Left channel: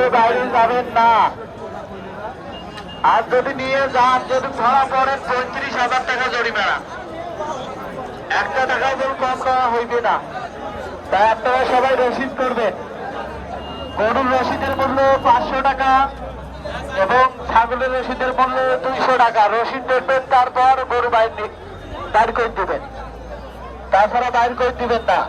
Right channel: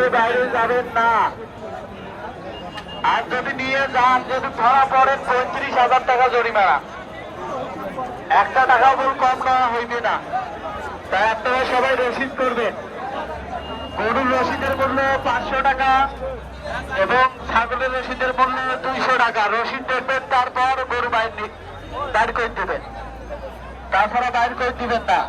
বাইরে যাবেন না। আর যদি নিয়ে যান, যদি ধরা পড়েন পঁয়ত্রিশ হাজার টাকা জরিমানা। একটা টাকা বল কম নেওয়া হইবে না। তা আপনারা সবাই রসিদ করবেন। গরুর রসিদের মূল্য পাঁচশো টাকা এবং ছাগলের রসিদের মূল্য দুইশো টাকা। রসিদ দেখবেন, তারপর গরু বাইর বাইর করে দিবেন। তাছাড়া বাইর করে দিবেন না।